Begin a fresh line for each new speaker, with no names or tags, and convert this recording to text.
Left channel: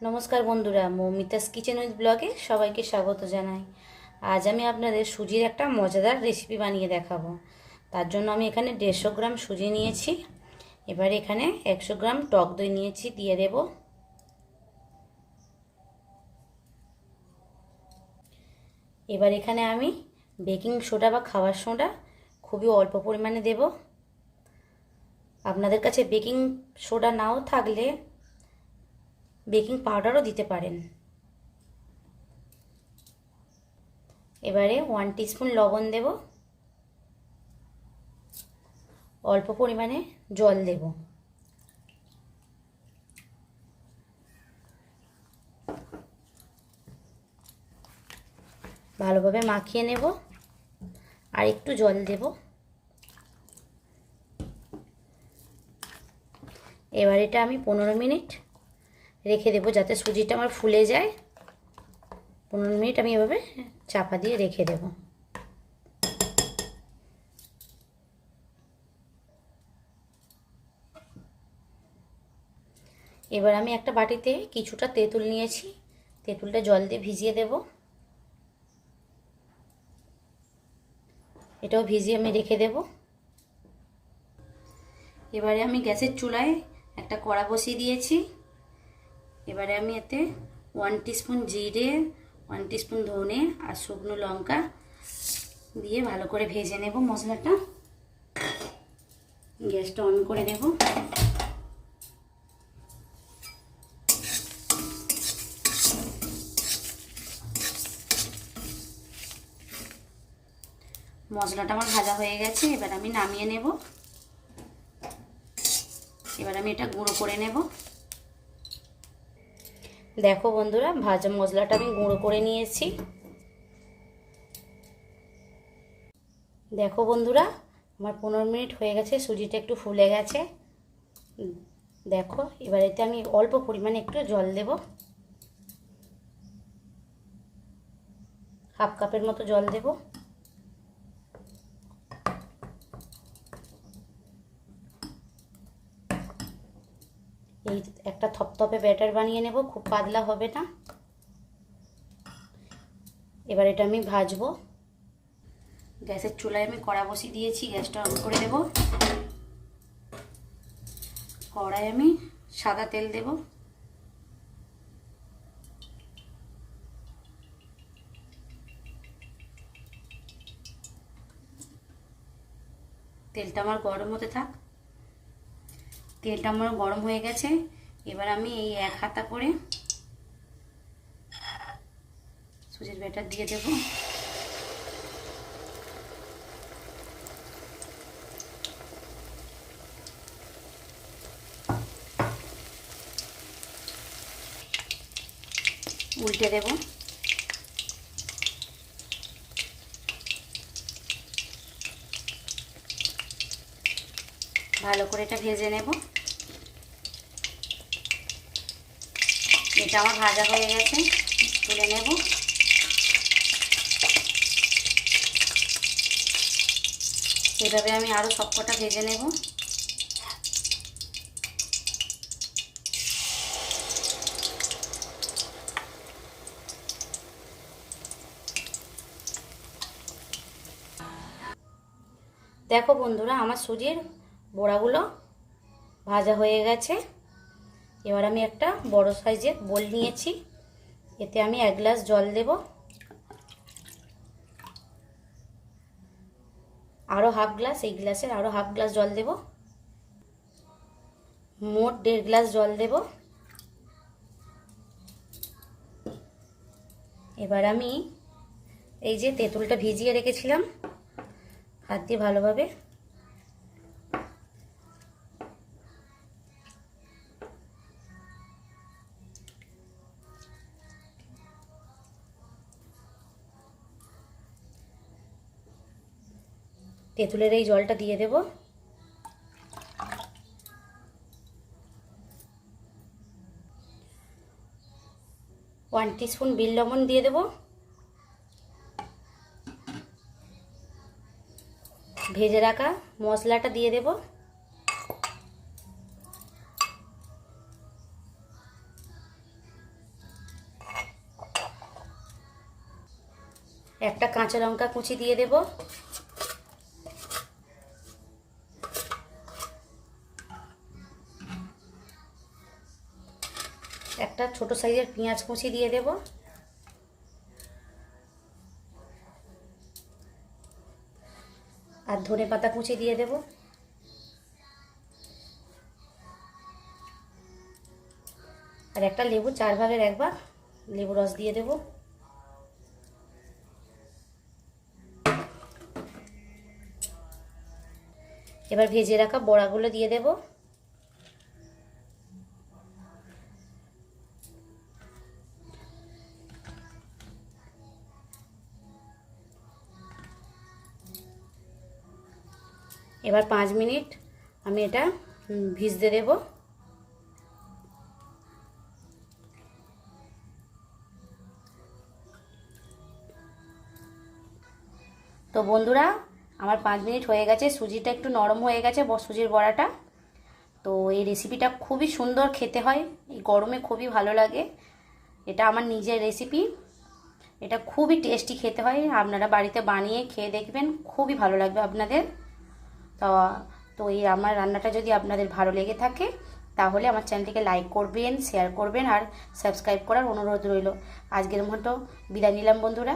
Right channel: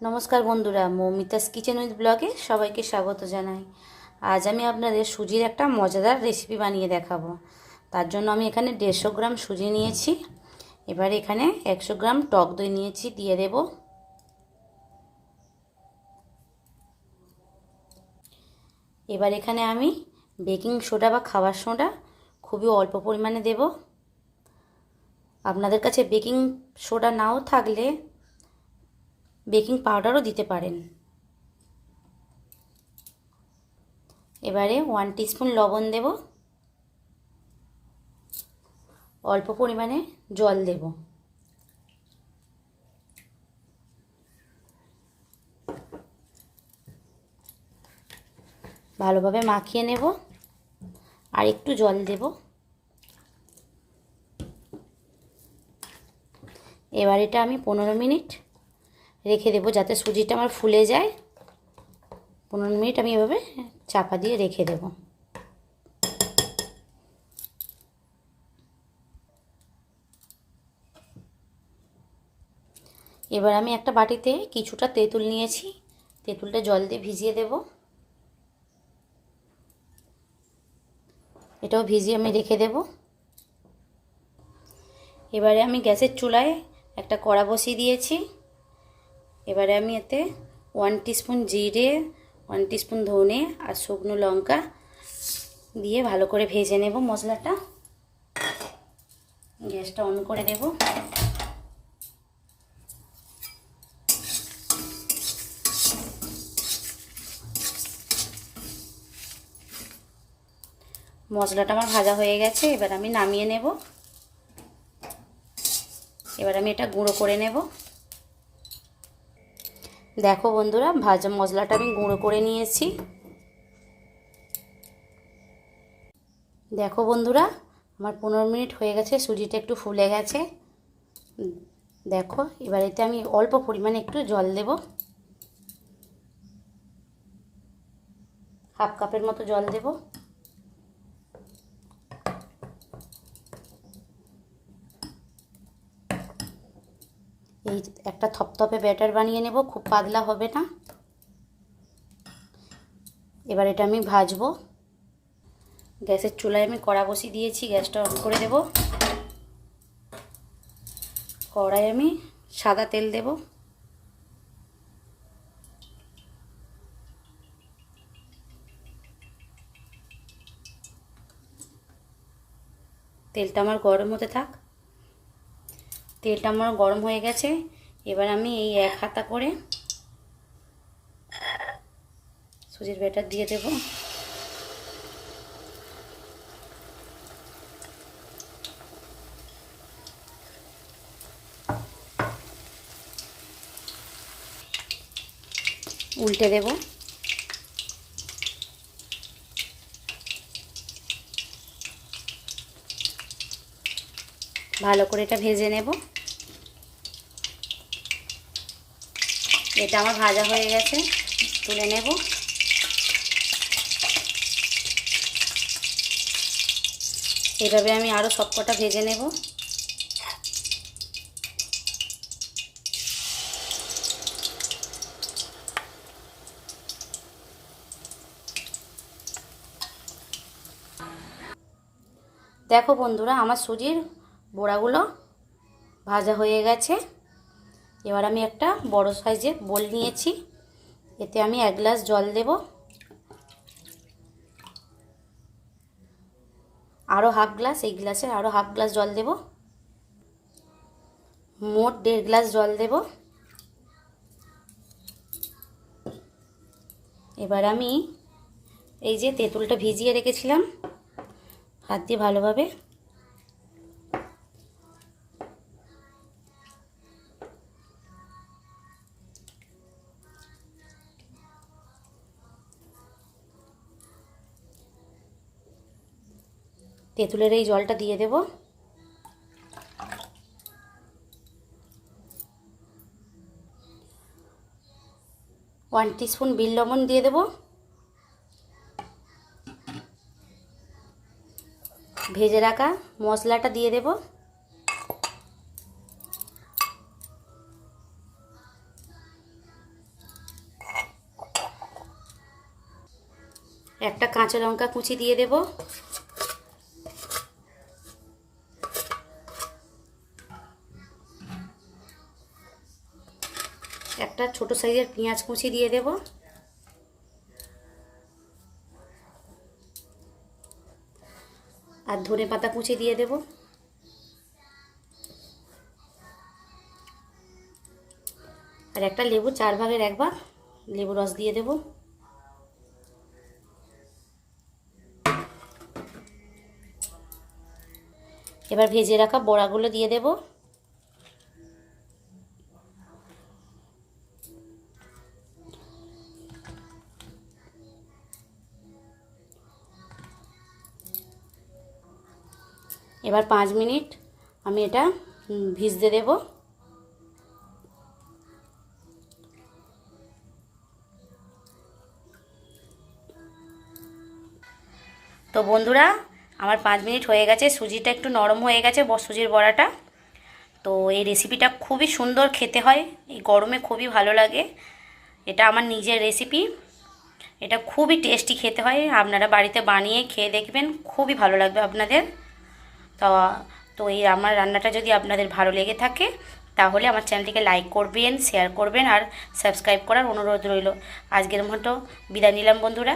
নমস্কার বন্ধুরা, Moumita's kitchen with ব্লগে সবাইকে স্বাগত জানাই। আজ আমি আপনাদের সুজির একটা মজাদার রেসিপি বানিয়ে দেখাবো। তার জন্য আমি এখানে দেড়শো গ্রাম সুজি নিয়েছি। এবার এখানে একশো গ্রাম টক দই নিয়েছি, দিয়ে দেব। এবার এখানে আমি বেকিং সোডা বা খাবার সোডা খুবই অল্প পরিমাণে দেব। আপনাদের কাছে বেকিং সোডা নাও থাকলে বেকিং পাউডারও দিতে পারেন। এবারে ওয়ান টিস্পুন লবণ দেব। অল্প পরিমাণে জল দেব। ভালোভাবে মাখিয়ে নেব। আর একটু জল দেব। এবার এটা আমি পনেরো মিনিট রেখে দেবো যাতে সুজিটা আমার ফুলে যায়। পনেরো মিনিট আমি এভাবে চাপা দিয়ে রেখে দেবো। এবার আমি একটা বাটিতে কিছুটা তেঁতুল নিয়েছি। তেঁতুলটা জল দিয়ে ভিজিয়ে দেব। এটাও ভিজিয়ে আমি রেখে দেব। এবারে আমি গ্যাসের চুলায় একটা কড়া বসিয়ে দিয়েছি। এবারে আমি এতে ওয়ান টিস্পুন জিরে ওয়ান টিস্পুন ধনে আর শুকনো লঙ্কা দিয়ে ভালো করে ভেজে নেব মশলাটা। গ্যাসটা অন করে দেব মশলাটা আমার ভাজা হয়ে গেছে, এবার আমি নামিয়ে নেব। এবার আমি এটা গুঁড়ো করে নেব। দেখো বন্ধুরা, ভাজা মশলাটা আমি গুঁড়ো করে নিয়েছি। দেখো বন্ধুরা, আমার পনেরো মিনিট হয়ে গেছে, সুজিটা একটু ফুলে গেছে। দেখো, এবার এতে আমি অল্প পরিমাণে একটু জল দেব। হাফ কাপের মতো জল দেব। এই একটা থপথপে ব্যাটার বানিয়ে নেব, খুব পাতলা হবে না। এবার এটা আমি ভাজবো। গ্যাসের চুলায় আমি কড়া বসিয়ে দিয়েছি, গ্যাসটা অন করে দেব। কড়াই আমি সাদা তেল দেব। তেলটা আমার গরম হতে থাক। তেলটা আমার গরম হয়ে গেছে। এবার আমি এই এক হাতা করে সুজির ব্যাটার দিয়ে দেব। উল্টে দেব। ভালো করে এটা ভেজে নেব। এটা আমার ভাজা হয়ে গেছে, তুলে নেব। এভাবে আমি আরও সবকটা ভেজে নেব। দেখো বন্ধুরা, আমার সুজির বড়াগুলো ভাজা হয়ে গেছে। এবার আমি একটা বড় সাইজের বোল নিয়েছি। এতে আমি এক গ্লাস জল দেব। আরও হাফ গ্লাস, এই গ্লাসে আরও হাফ গ্লাস জল দেব। মোট দেড় গ্লাস জল দেব। এবার আমি এই যে তেঁতুলটা ভিজিয়ে রেখেছিলাম, হাত দিয়ে ভালোভাবে তেঁতুলের এই জলটা দিয়ে দেব। ওয়ান টিস্পুন বিল লবণ দিয়ে দেব। ভেজে রাখা মশলাটা দিয়ে দেব। একটা কাঁচা লঙ্কা কুচি দিয়ে দেবো। একটা ছোট সাইজের পেঁয়াজ কুচি দিয়ে দেব। আর ধনে পাতা কুচি দিয়ে দেব। আর একটা লেবু চার ভাগের এক ভাগ লেবু রস দিয়ে দেব। এবার ভেজে রাখা বড়াগুলো দিয়ে দেব। এবার পাঁচ মিনিট আমি এটা ভিজতে দেবো। তো বন্ধুরা, আমার পাঁচ মিনিট হয়ে গেছে। সুজিটা একটু নরম হয়ে গেছে সুজির বড়াটা। তো এই রেসিপিটা খুবই সুন্দর খেতে হয়। এই গরমে খুবই ভালো লাগে। এটা আমার নিজের রেসিপি এটা খুবই টেস্টি খেতে হয়। আপনারা বাড়িতে বানিয়ে খেয়ে দেখবেন। খুবই ভালো লাগবে আপনাদের। তো তো এই আমার রান্নাটা যদি আপনাদের ভালো লেগে থাকে, তাহলে আমার চ্যানেলটিকে লাইক করবেন শেয়ার করবেন আর সাবস্ক্রাইব করার অনুরোধ রইল। আজকের মতো বিদায় নিলাম বন্ধুরা।